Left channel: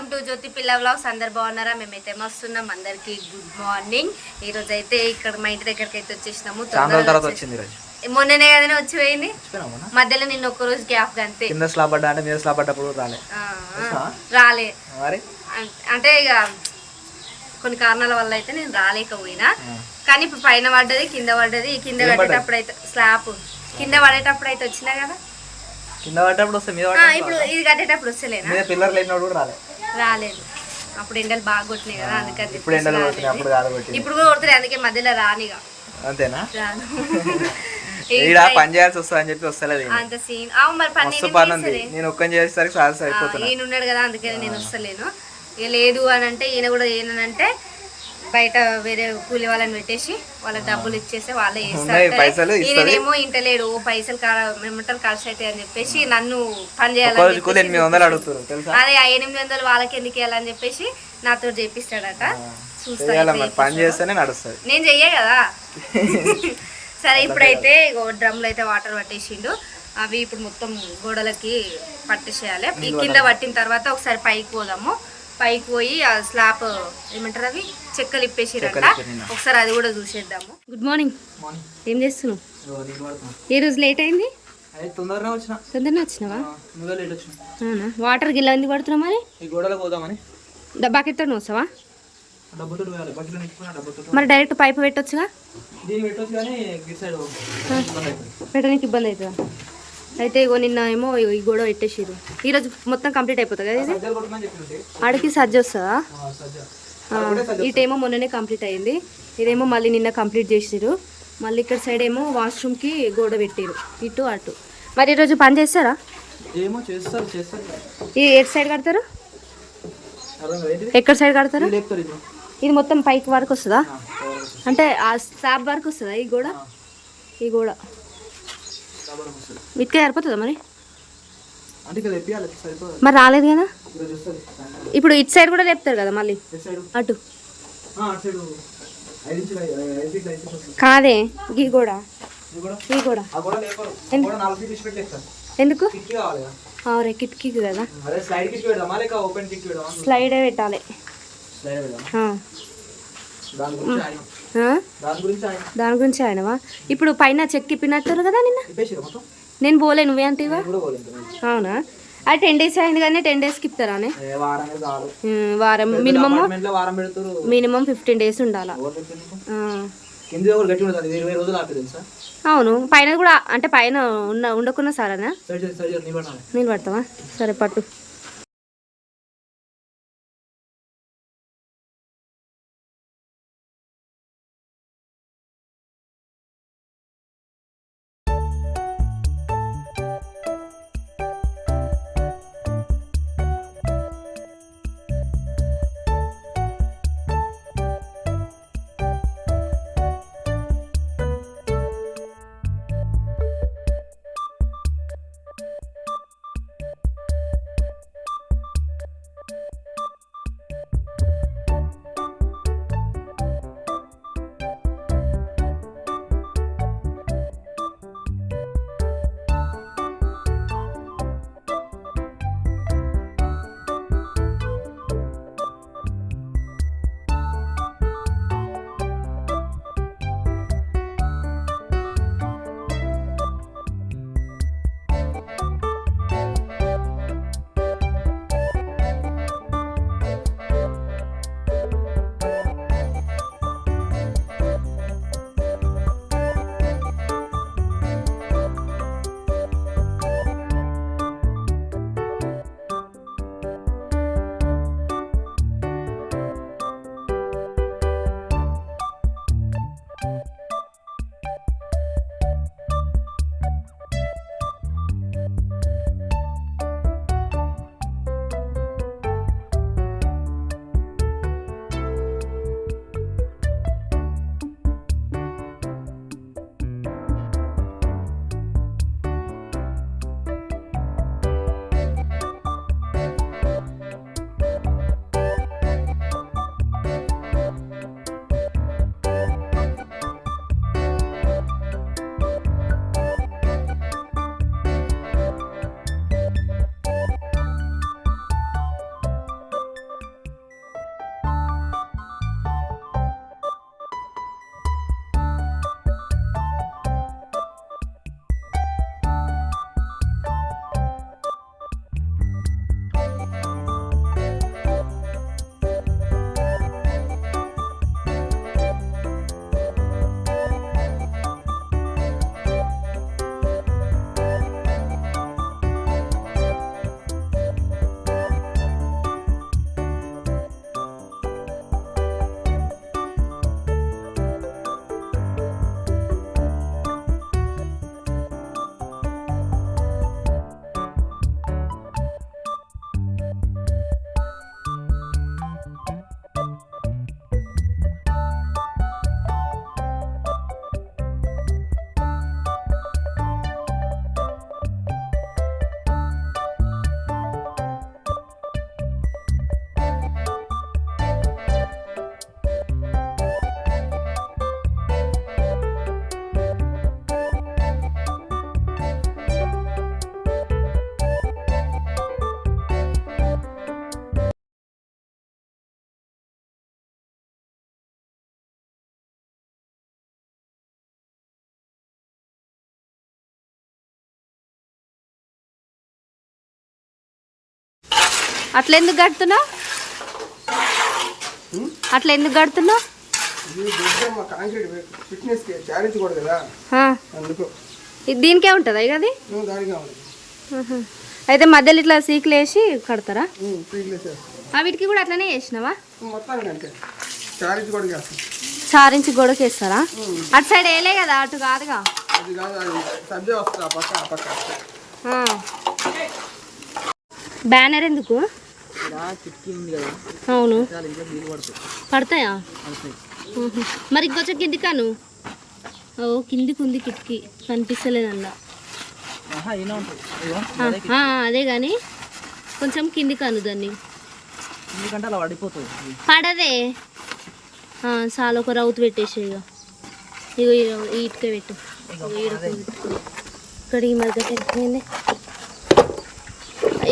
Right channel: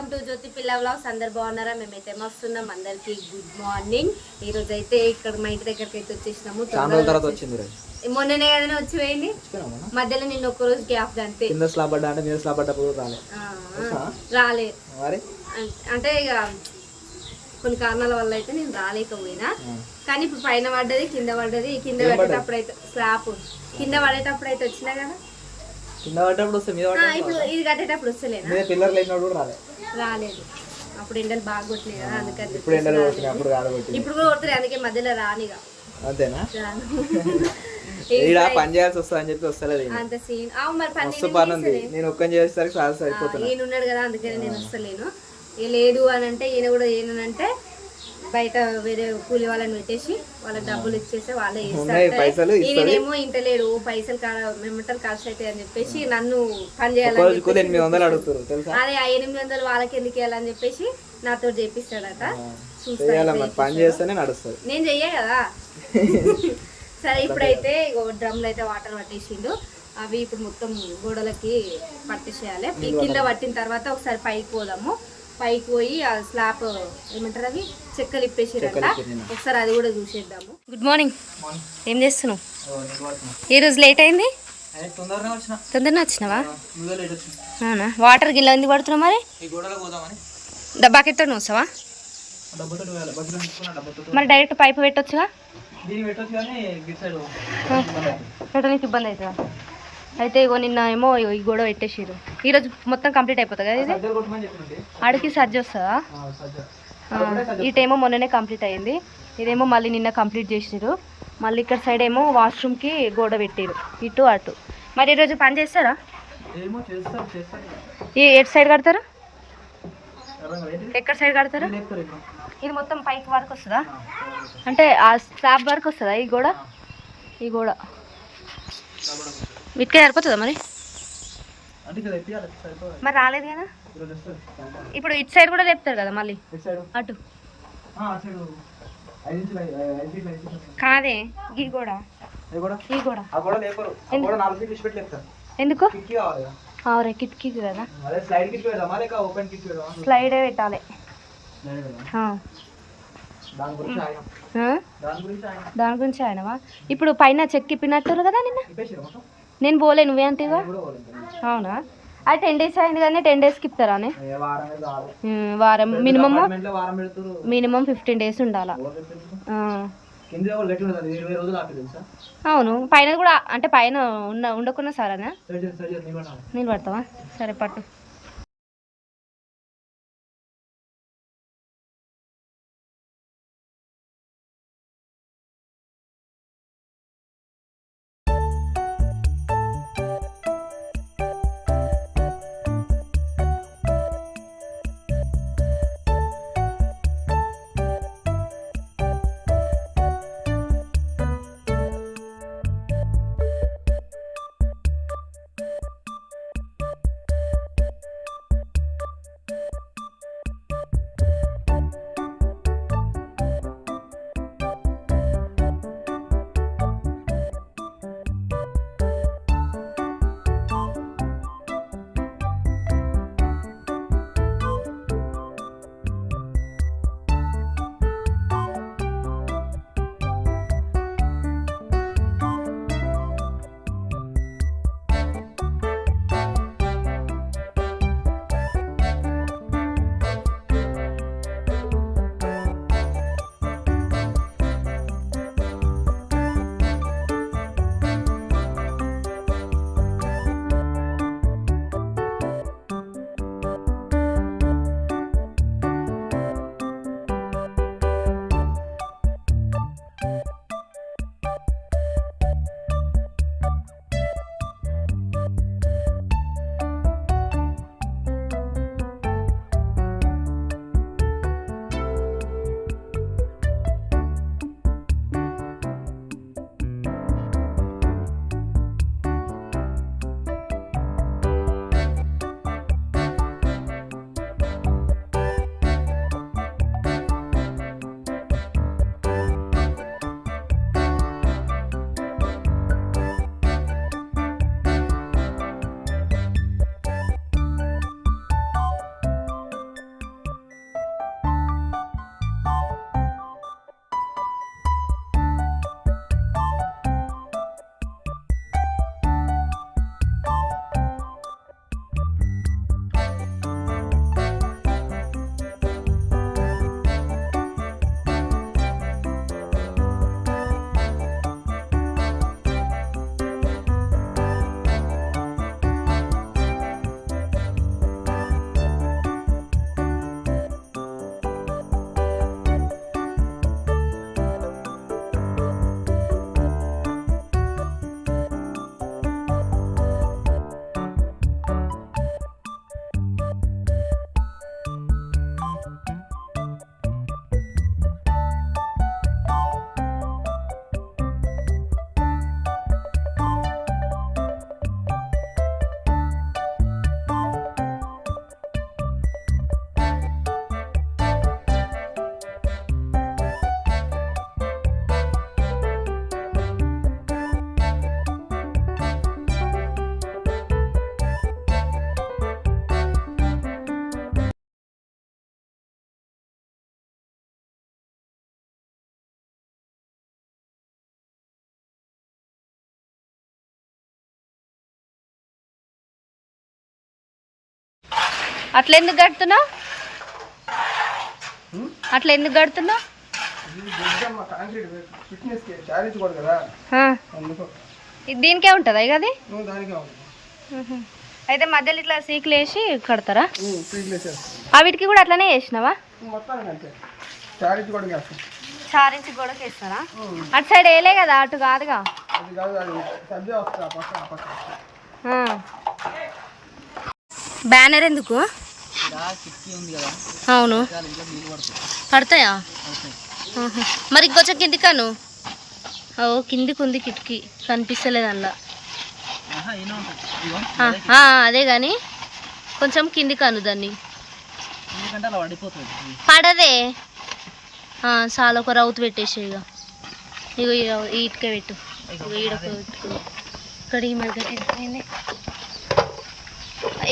Welcome to జ్యోతి పిల్ల vlogs. అందరు బాగున్నారా? మేమైతే మస్తున్నాం. అందరికి గుడ్ మార్నింగ్. ఈ రోజు అయితే ఇక్కడ మా ఇంటి దగ్గరికి అయితే వచ్చేసినాము. మొన్ననే కదా వచ్చి పోయింది, మధ్యలో నిన్న ఒక్క రోజు గ్యాప్ అంతే. రాలే అంటే ఇక కొన్ని కారణాల వల్ల అయితే నేను రాలేకపోయినా. కానీ ఇప్పుడు పైన పడ్డది, కింద పడ్డది. కింద కట్టేటప్పుడు అయితే స్లాబ్ కింద పడేటప్పుడు అయితే వచ్చినా కదా, ఇప్పుడు ఇది కట్టేటప్పుడు వస్తలేనా? రాలేదు. అప్పుడు ఎండలు బాగా కొట్టినాయి కదా, అందుకని ఇప్పుడు కూడా కొడుతున్నాయి. అందుకే మధ్యలో రానిగా అంతేనా? పని చేయాల్సి వస్తుంది అని చెప్పి వస్తలేదు అంత సీన్. మరి పని నేను ఒక్కని చేసేసరికి ఈయన ఉన్నాడు కదా, అందుకని నేను వస్తలేను. ఇక లేదు అని అంటే ఈయన కూడా ఏనంటే బయట వేరే కూలి వాళ్ళని పెట్టేసి వాళ్ళకి డబ్బులు ఇచ్చేసి వాళ్ళే చేస్తారు. ఈయనేమో ఇంటలేడు, పైసలు ఏమంటారు ఖర్చు అవుతాయి అని చెప్పేసి నన్ను పని చేయాలని అదే 800 వాళ్ళకి ఎందుకు వేయాలని చెప్పేసి నాతో చేపిస్తాడట. నేను చెయ్యే కదా. సరే, ఇప్పుడైతే డ్రమ్లు అయితే వాటర్ పట్టేసిండు. అవి ఇప్పుడు మొత్తం గోడలకి పట్టేసేయాలి. కింద పట్టిన తర్వాత ఒకసారి పైకి పోదాము. పైకి పోయి ఆ స్లాబ్ ఏమంటారు అవి చెక్కలు ఇప్పేసిరంట, ఒకసారి అది కూడా చూసేద్దాము. Good morning. ఏం చేస్తున్నావు? ఈ రోజు లేట్ అయింది. తొందరనే వచ్చినావా? అవునా? వాటర్ గిల్ల ఎందుకు పడుతున్నావు మరి? బకెట్తో వస్తావా? మరి డైరెక్ట్ పైపు పెట్టొచ్చుగా. పెట్టడానికి ఇబ్బంది అవుతుందా? అయితే ఇగో నిన్న ఏమో ఈ గోడ పెట్టేసిరు. ఈరోజు మొత్తం కంప్లీట్ అయిపోతుంది కదా ఇది. ఆడికి సజ్జ వస్తుందా? ఇటేమో మొన్ననే కంప్లీట్ అయింది, ఇదేమో మళ్ళీ నిన్న కంప్లీట్ చేసిరు. మళ్ళీ ఇక్కడ సైడ్ ఏమో వాష్రూమ్కి గోడ పెట్టిరు, ఇటు అటు. మరి ఈరోజు పని చేస్తారా? ఎటు సైడ్ కడతారు? ఎక్కడ సైడ్ కడతారు? ఇది మొత్తం పైకి వరకు వస్తుందా? అంటే ఆ స్లాబ్ వరకు వస్తుందా ఈ గోడ? ఈ గోడ వీటికే సరిపోతుందా మరి? మరి రాలేదు కదా. ఇప్పుడు ఇటు సైడ్ కూడా లేపుతారు కదా మళ్ళీ అటు. కాదే ఈ గోడ, ఈ గోడ ఎందుకు? కిటికీ కదా, స్లైడ్ పెట్టాలి. దాని గురించి ఆయనవా? ఇప్పుడు పైన చెక్కి ఇప్పినట్టు కదా నిన్న. నేను పోలే, నువ్వే అంటేవా? అవునా? అది 10 days అయింది కానీ 10 daysకి ఇస్తారా? వారం మినిమం 15 days ఉండాలా. అవును, పైన కూడా అంటే పైన ఉండకున్నా సారా నేను పడతావా? సరే పట్టు. అట్లా ఎందుకు కడుతున్నావు ఇది దీనికే ఉంటుందా ఇక అది అయితే మధ్యలో ఇట్లా సీకులు వేసి కడతారా వీటికి కూడా అట్లనే వేసినావా చారించి గొడవకి వేస్తారా అటు సైడ్ వేయలే కదా అటు కాదుగా బ్యానర్ ఎందుకు అవును పడతాయా మరి ఇంకొంచెం కిందికాను ఓ కిందికి ఉంది కిటికీ కనిపిస్తలేదు అందులో అదే కానీ కొంచెం కిందికాను దాన్ని పడదే చాలా ఒక రౌతు పెట్టేసి ఇక ఇగో ఈ ఇటుక పెట్టు ఇక్కడ ఈ మధ్య తిరిగిపోయింది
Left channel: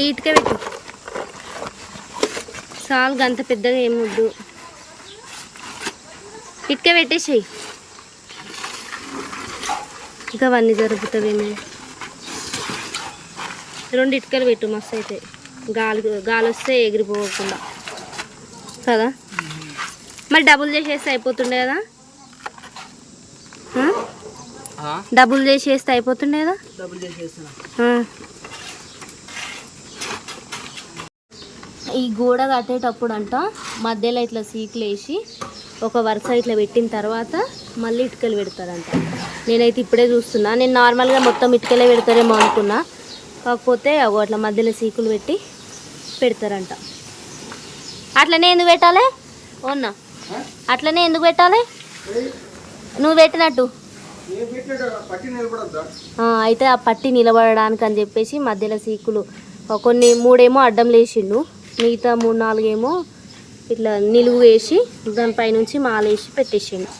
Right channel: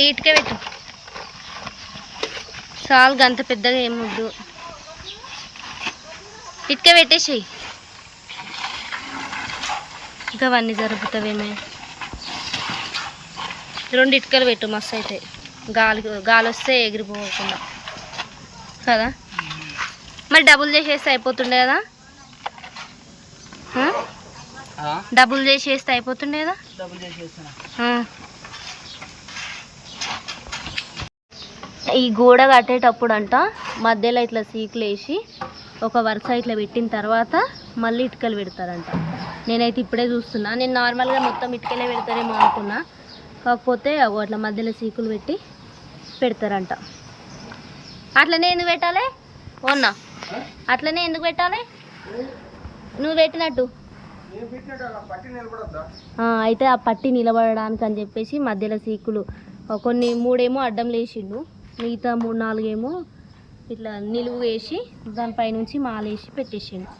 ఈ ఇటుక పెట్టు చాలు గంత పెద్దగా ఏమొద్దు ఇటుక పెట్టేసి ఇంకా అవన్నీ జరుపుతావేమో 2 ఇటుకలు పెట్టు మస్తు అయితే గాలి వస్తే ఎగిరిపోకుండా కదా మరి డబుల్ చేసేస్తే అయిపోతుండే కదా డబుల్ చేసేస్తే అయిపోతుండే కదా ఈ గోడ కట్టేటప్పుడు అంట మధ్యలో ఇట్లా సీకులు వేసి ఒక వరుస ఇట్లా పెట్టిన తర్వాత మళ్ళీ ఇటుకలు పెడతారంట నేనైతే ఇప్పుడే చూస్తున్నా నేను నార్మల్గా మొత్తం ఇటుకలే పెడతారేమో అనుకున్నా కాకపోతే అట్లా మధ్యలో సీకులు పెట్టి పెడతారంట అట్లనే ఎందుకు పెట్టాలి ఓన్నా అట్లనే ఎందుకు పెట్టాలి నువ్వు పెట్టినట్టు అయితే ఆ పట్టి నిలబడడానికి అని చెప్పేసి మధ్యలో సీకులు కొన్ని 3 ఏమో అడ్డం లేచిండు మిగతా 3-4 ఏమో ఇట్లా నిలువు వేసి దానిపైనుంచి మాలేసి పెట్టేసిండు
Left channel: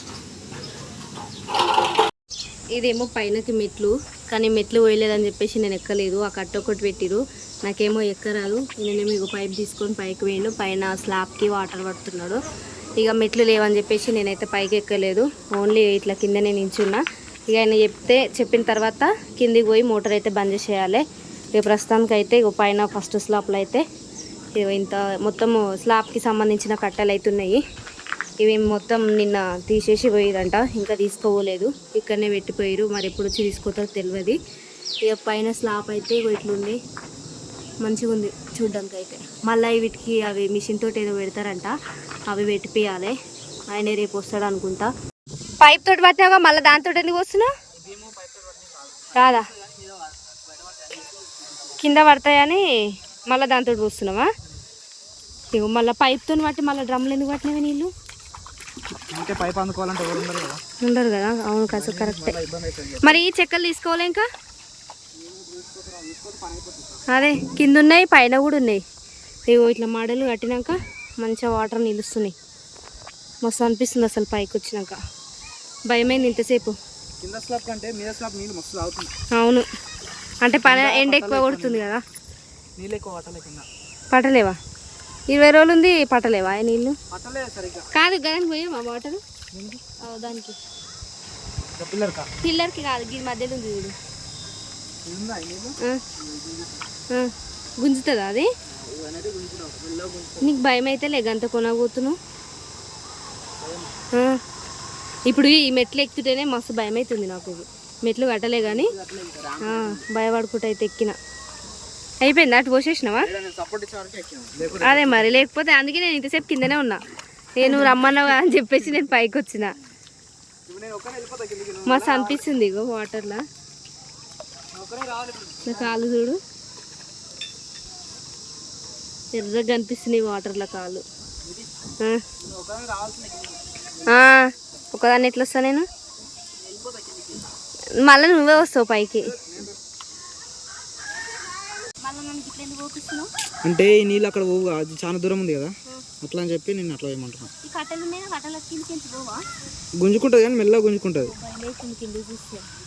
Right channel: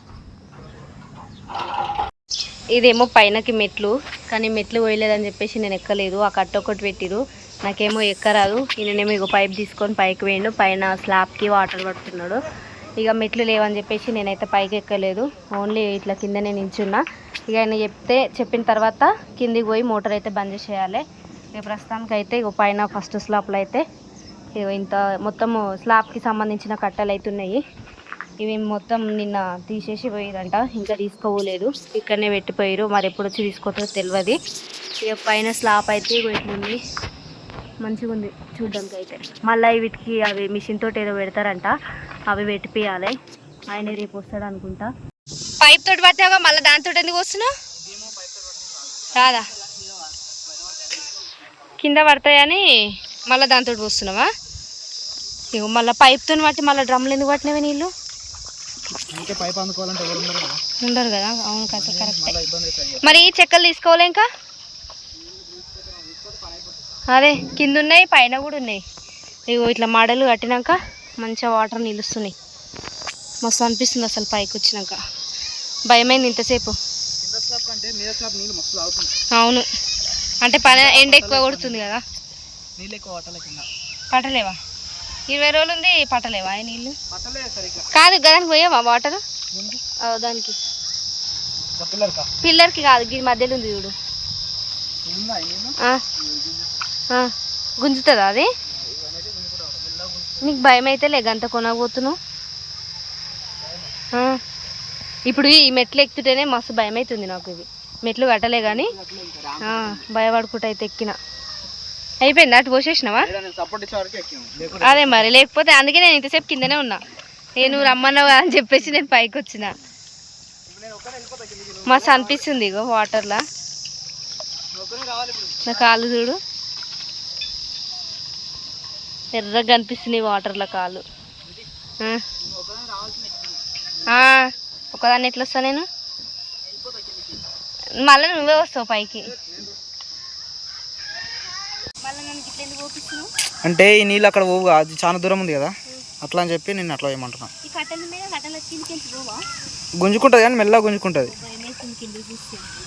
ఇదేమో పైనకి మెట్లు కానీ మెట్లు పోయలేదని చెప్పేసి నేను ఎక్కలేదు ఆ కట్ట ఒకటి పెట్టిరు నాకేమో ఎక్కరాదు ఈయననేమో ఇక పైప్ తీసుకొని పైకి వేయండు పైన స్లాబ్కి వాటర్ పడుతున్నాడు ఇక మెట్లు లేవని చెప్పేసి నేనైతే పైకి ఎక్కలేదు ఓన్లీ ఇట్లా కిందనే నించున్నా ఇక ఆయన చెప్పిన తర్వాత కిందికి పోయి మోటార్ అయితే బంద్ చేయాలి ఇక ప్రస్తుతానికి అయితే ఇక పైన ఫస్ట్ స్లాబ్లో అయితే ఇంత మొత్తము స్లాబ్కి సంబంధించిన కట్టెలు అయితే ఉన్నాయి ఇవి మొత్తం నిన్న తీసేసి పోయిరంట ఇంకా తీసుకోలేదు ఇక్కడనే పెట్టిపోయారు మరి ఎప్పుడు వచ్చి తీసుకోతారో తెలియదు ఇక పైన స్లాబ్ అయితే ఇగో ఇట్లుంది మంచిగా ఉంది చూడ్డానికి అయితే మళ్ళీ వీటికి అవి మిషన్ తోటి ఏదో పెడతారంట అవి పెట్టిపోయాలి ఆయన రేపు వస్తాడు అనుకుంటా పైప్ తోటి పట్టినాగా మళ్ళీ దాంతో ఎందుకు వస్తున్నావు రాదా కింద పడతాయని మళ్ళీ దాంతో వస్తున్నావా ఇగో మళ్ళీ పైప్తో పట్టి మళ్ళీ డ్రమ్లు ఎందుకు పట్టినవి నీళ్ళు ఉండరు కదా అవును కాదు కరెక్టే మరి చెక్కలు తీసుకోవాలి ఇంకా అదే కింద ఉన్నాయి పైన కూడా ఉన్నాయి ఇగో ఇట్లా మడలు కట్టినాక మంచిగా వాటర్ నిలుస్తున్నాయి మస్తు అనిపిస్తుంది అసలు పైకి వచ్చినాక భయమైంది ఇంతసేపు అవును అంటే పని ఎండ ఎక్కువ కొడుతుంది కదా పట్టలేవా 20 రోజులు ఉంది పట్టలేవా నీళ్ళు కాదు దానికి పోయావా వాటర్ దానికి పిల్లర్కి కాదు ఈ మధ్యలో ఉంది చూడు గుంజుతుందా అది నీకు భయం అయితే లేగంత కొనబోతున్నావు ఇప్పుడు ఈ మెట్లు ఎక్కుతుంటేనే మస్తు భయం అవుతుంది నాకు ఇది మెట్లు కట్టలే కానీ భయపడుకుంటా అయితే ఎక్కిన అయిపోయింది అటు పోసేసినావా అదే మరి లేకపోతే అందుకే నేను ఇంతసేపు కిందనే ఉన్నా నేను రమ్మన్నావు అని చెప్పేసి నేను పైకి వచ్చిన మస్తు అనిపిస్తుంది ఇగో వాటర్లా నా కాళ్ళు చూడు ఎర్రగా కనిపిస్తుంది వాటర్లో కాళ్ళు ఒకదాన్ని ఎట్లా వస్తా నేను మళ్ళీ నువ్వే వస్తావు పైకి అంటే ఈ నీళ్ళు అక్కడ పోవుగా అది చాలా దూరం ఉంది కదా అట్లా అని చెప్పి నేను అట్లా ఏమంటున్నా గుంజుకుంటుంది కానీ మెల్లగా గుంజుకుంటుంది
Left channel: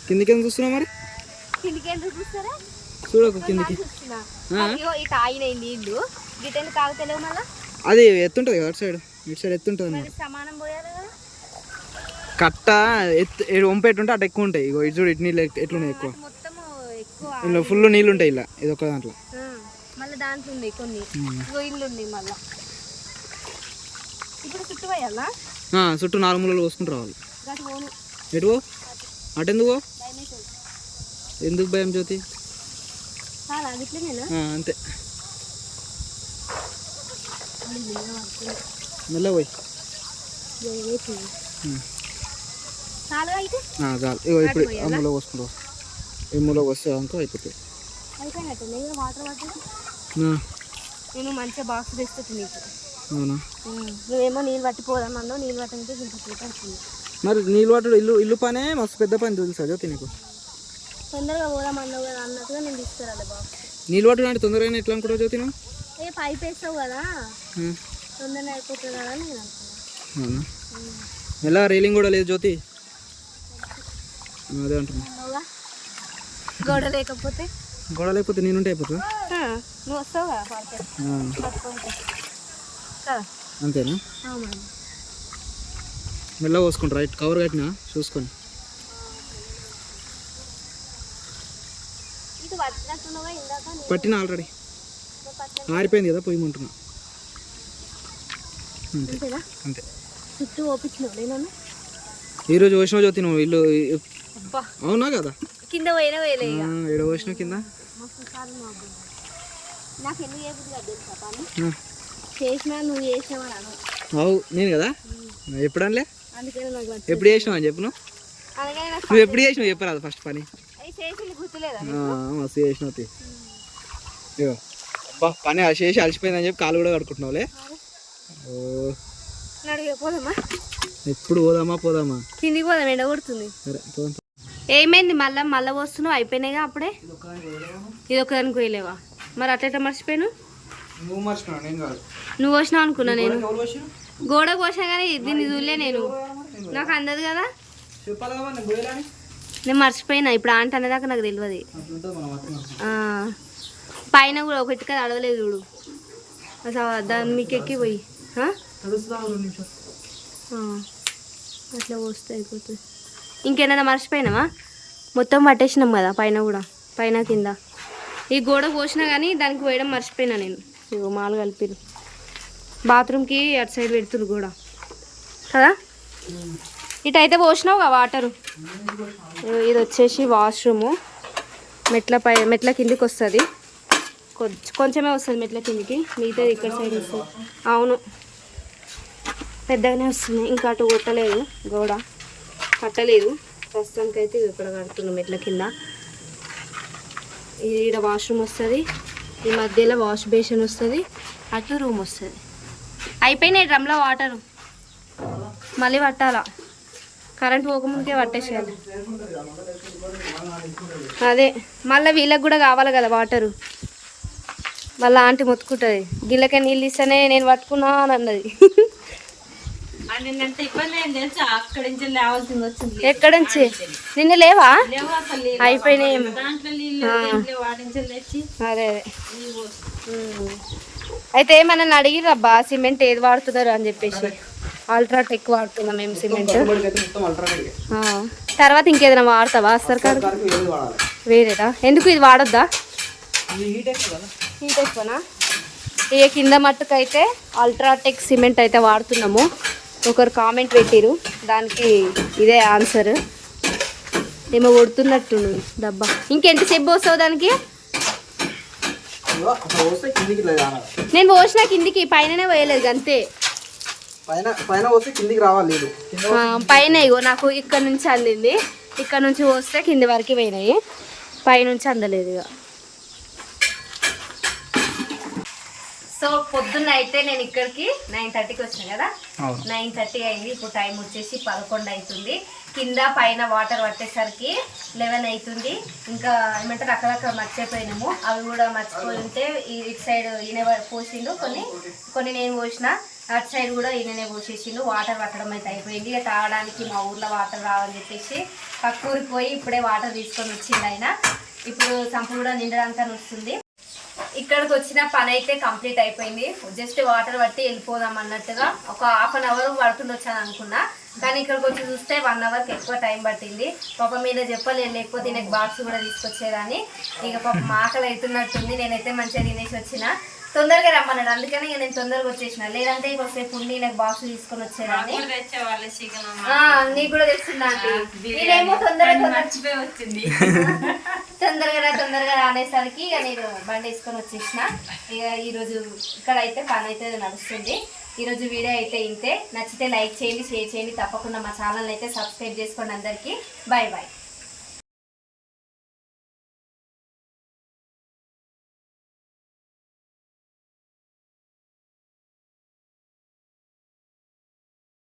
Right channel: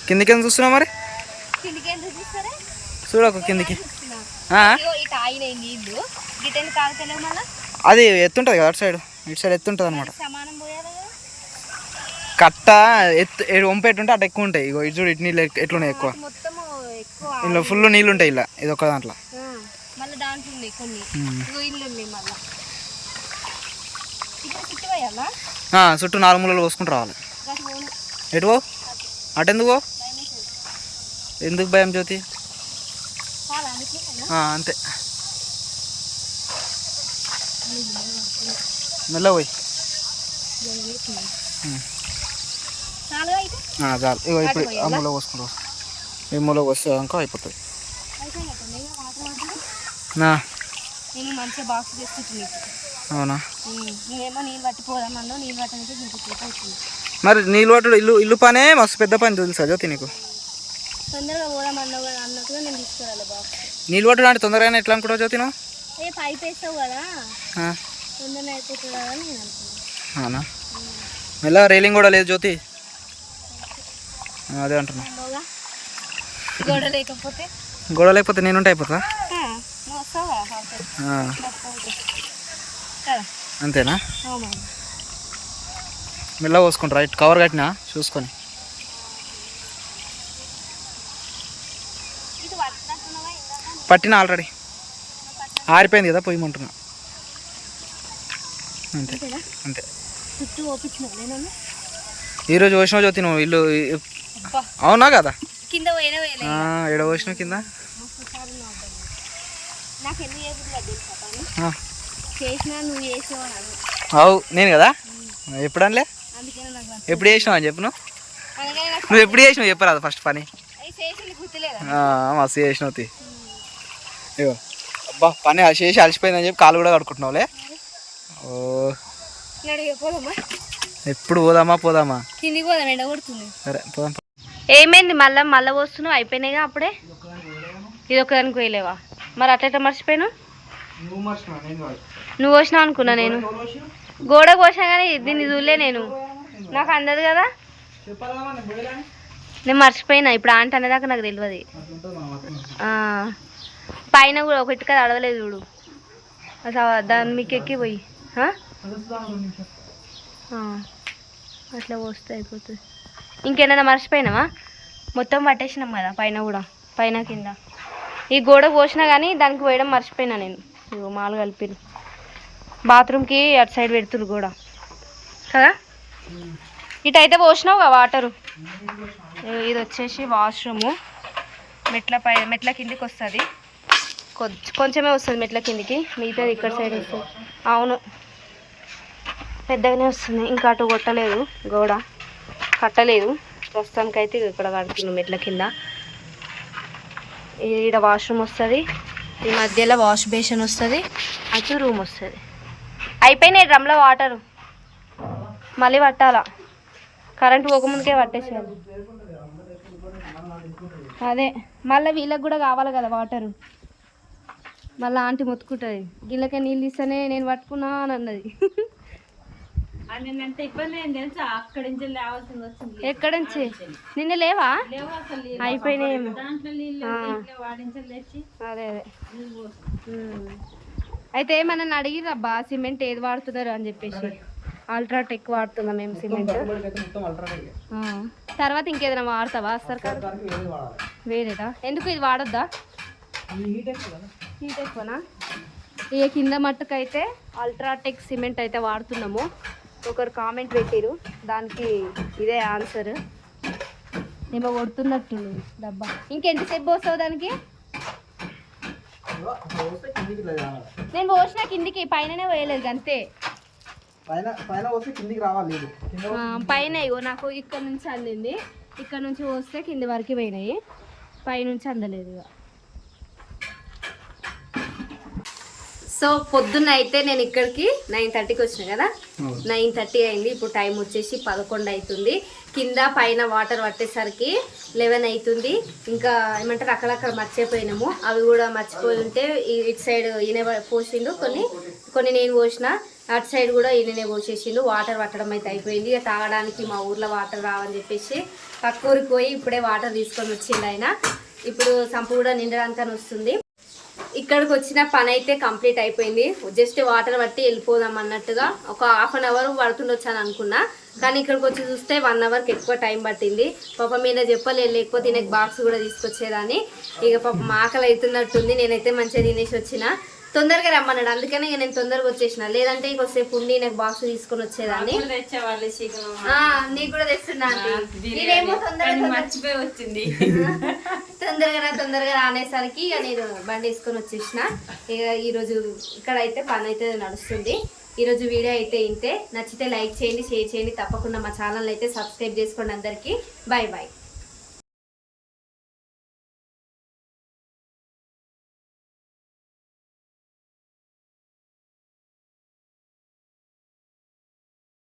కిందికి ఎందుకు చూస్తున్నావు మరి చూడకు కిందికి అది ఎత్తుంటుంది కదా అటు సైడ్ ఇటు సైడ్ ఎత్తుంటుంది అనమాట కట్ట వంపెట్టుంటే అటు ఎక్కువ ఉంటాయి ఇగో ఇటు చూడు ఇటు నీళ్ళు ఎట్లున్నాయి ఎక్కువ ఇందులో ఫుల్ నీళ్ళు ఉంటాయి ఇలా ఇది ఒక్క దాంట్లో దాంట్లో ఉన్నాయి కొన్ని ఇల్లు ఉంది మళ్ళీ ఇక్కడ చుట్టూ పోయాలా చుట్టూ 4 మూలలు పోసుకుంటూ రావాలి. ఎటు పో అటెందుకు పో ఎందుకు భయం జ్యోతి? అంతే మెల్ల పోయి చాలు. ఇగో ఇప్పుడు ఆ మూల పోసుకుంటావు, ఈ మూల వస్తే అనుకో అయిపోతుంది. నేను మంచిగా బాక్స్ తెచ్చుకుంటు నీకు. అవునా? నువ్వేమో నీళ్ళు పట్టిపోదామన్నా నీళ్ళు పట్టడానికి అవుతుంది. మరి నీళ్ళు పట్టడు ఇల్లు పనే మస్తు పెద్ద పని తెలుసా జ్యోతి నీకు? తొందరగా పోదామన్నా అన్నట్టుగా నేను తీసుకురాలి బాక్స్. నీళ్ళు పట్టడం అంటే తొందరగానే ఎట్లా అనుకుంటావు జ్యోతి నువ్వు? పైప్ వేస్తావు కదా తొందరగా అయిపోతుంది కదా నేను అనుకున్నాను. అవునా? మెల్ల రైలింగ్ కూడా లేదు జ్యోతి, అదే అంటున్నా. గోడ లేకపోతే నేనుంటే అయిపోతా. నువ్వు వస్తావు అంతేనా? మెల్ల పోసుకుంటా రైట్ కవర్ కట్టినా చూసుకొని. పట్టిన ఆల్రెడీ ఆరిపోయింది కదా పొయ్యమంటున్నా. అంతే అంతే. చుట్టూ ఓపించినావు నేను ఈరోజు పోసినావు జ్యోతి నువ్వు ఇల్లు. అవునా కదా? కింద పోయినా ఎడ పోసినావు కింద? నాకు ఎందుకు తెలుసా పని చేసినా నువ్వు చేసినావు. అవు నేను కదా ఎప్పుడు అనలే. ఎప్పుడు చేసినావు అని చెప్పు. నువ్వు ఎప్పుడు చేసినావు చెప్పరాదు ఫస్ట్ పని. మస్తు చేసినావు. ఇగో అబ్బా పని చేసి అలసిపోయిందని చెప్పి కాలు కూడా కడుకుంటున్నావులే. ఓ ఎప్పుడు పోదామా కిందికి పోదాం, ఎండ కొడుతుంది. సరే పోదాం. ఏమైంది మళ్ళా పోస్తున్నావు? అయిపోయినాయిగా అప్పుడే. ఇది ఒకదానికి పోయలేవా? మరి అట్లా మర్చిపోయాను. నువ్వు పోసినావు అనుకున్నా నేను. గోడ పోసినా కానీ దీన్ని చూడలే నేను, నాకు అందదు కదా. నేను మర్చిపోయినా ఇప్పుడు ఆంట అనేదాకా నాకు తెలియదు. పైన కూడా ఒక ఇటుక అడవలేదు చూడు అసలు దాన్ని మీకు ఎక్కిపోయి అట్లా పోస్తే అయిపోతుంది. ఇంకేమైనా మర్చిపోయినావా? మొత్తం పట్టేసినాం కదా పైన కూడా, పైన కింద. ఈ గోడ పోసినా కానీ దానికి పోయడం మర్చిపోయినా నేను. మాలు కలిపిరు బాత్రూమ్కి అటు సైడ్ పెడుతురు గోడ కదా. ఇటు అయితే పోసినావు కదా వాటరు. ఇది వచ్చేసి వాష్రూము. మెట్ల కిందికి వస్తుంది, కొంచెమే వస్తుంది మెట్ల కిందికి, మిగతాది ఇక్కడ సైడ్ వస్తుంది. అవును పెద్దగానే వస్తుంది. ఇంకా అటు కొట్టలేదు గోడ, కట్టలేదు ప్రస్తుతానికైతే. ఇక్కడ కడుతున్నాం మెట్ల కింద. ఈడ వాష్రూమ్ వస్తుంది, ఈ మధ్యలో వాష్ బేసిన్ వస్తుంది, అటు రూమ్ వస్తుంది. అయిపోయినాయి డ్రమ్లో వాటరు, మళ్ళీ పట్టాలా. కరెంట్ పోకముందుకే పట్టేసేయాలి. అదే మళ్ళీ వీళ్ళకి కూడా కావాలి కదా వాటరు. మళ్ళీ ఆంటీ మొత్తుకుంటుంది, గిళ్ళకే నీళ్ళు ఇస్తేనే నేను పట్టుకున్నా అని అన్నది. ఎక్కడ నుంచి నిన్న లేవా? అయిపోయినాయి. అదే అయితే మనల్ని అడిగిరబ్బా సిమెంట్ ఏది వాడుతున్నారు అని చెప్పేసి. అల్ట్రాటెక్ వాడుతున్నాం మేము సిమెంట్. తర్వాత ఇంకేదైనా వాడతావా? అసలు కాదు వేరేదా? ఎందుకు ఇది వాడొద్దా? హీట్ ఎక్కువనా? ఇక కింద మట్టుకు అయితే అల్ట్రాటెక్ సిమెంట్ అయితే వాడుతున్నాము. ఒకరు కామెంట్ పెట్టిరు, దానికి ఇదే ఆన్సర్. ఏమో కొడుతున్నట్టు డబ్బా. ఇంకెంతసేపు పోస్తావు దానికి? నేను పోసిన కిందికి, పైననే పోయలేదు అంతే. పైన ఇగో నాకు ఇక్కడ నుంచి అందింది, ఇక్కడ నుంచి పోస్తే కింది వరకు పోయినాయి, పైనుంచి అందలేదు ఇక. సో పొద్దున్న అయితే నేను ఇక్కడికి 9:30కి వచ్చిన కదా, 9:30 అయింది. ఇప్పుడు టైం వచ్చేసి 11 అవుతుంది. కింద పైన వాటర్ పట్టేసరికి 11 అవుతుంది. ఇంకా ఏమంటారు అక్కడక్కడ మర్చిపోయినాము, అవి కూడా మర్చిపోయి ఉంటే ఇటు సైడ్ ఈయన పోసిండు, కొన్ని నేను పోసిన, అటు సైడ్ కూడా ఈయననే పోసేసిండు. వాటర్ పట్టడం అయితే అయిపోయింది. ఇక తాగడానికి మా ఊర్లో వాటర్ రావని చెప్పేసి పక్కూరికి పోయి ఇప్పుడే వాటర్ తీసుకొని వచ్చిండు ఆయన. ఇప్పుడు సంపు కూడా నిండడానికి వస్తుంది. ఇక్కడికి వచ్చిన పని అయితే కంప్లీట్ అయిపోయింది. జస్ట్ వాటర్ పట్టి వెళ్ళిపోదాం అన్నట్టుగా ఒక హాఫ్ అన్ అవర్ పడుతుండొచ్చాను అనుకున్నా. కానీ ఇక్కడికి వచ్చి చూస్తే 1 అవర్కి ఎక్కువ టైం పట్టింది. పాప మీద చెప్పలేదు, లేకపోతే నాకు బాక్స్ కూడా తీసుకొచ్చేదాన్ని. ఇక పాప ఆకలి అవుతున్నట్టుంది. నేనైతే మంచిగా తినేసి వచ్చిన. తొందరగా రమ్మన్నాడు, అందుకని ఇక నేను తొందరగా వచ్చేసిన. లేదంటే ఇంకొసేపు ఉండి నాకు బాక్స్ తీసుకొని వచ్చేదాన్ని. నీకు కూడా తెచ్చిందండి. నేనేమో తొందరగా రానేసరికి ఇక నేను బండి వేసుకొని వచ్చేసిన. ఇక ఈరోజు ఇక్కడ అయితే పని అయితే నడుస్తుంది. ఈరోజు వీడియో అయితే ఇంతే. నచ్చితే లైక్ చేయండి, షేర్ చేయండి. తప్పకుండా మా ఛానల్ అయితే సబ్స్క్రైబ్ చేసుకోండి. అందరికీ బాయ్ బాయ్.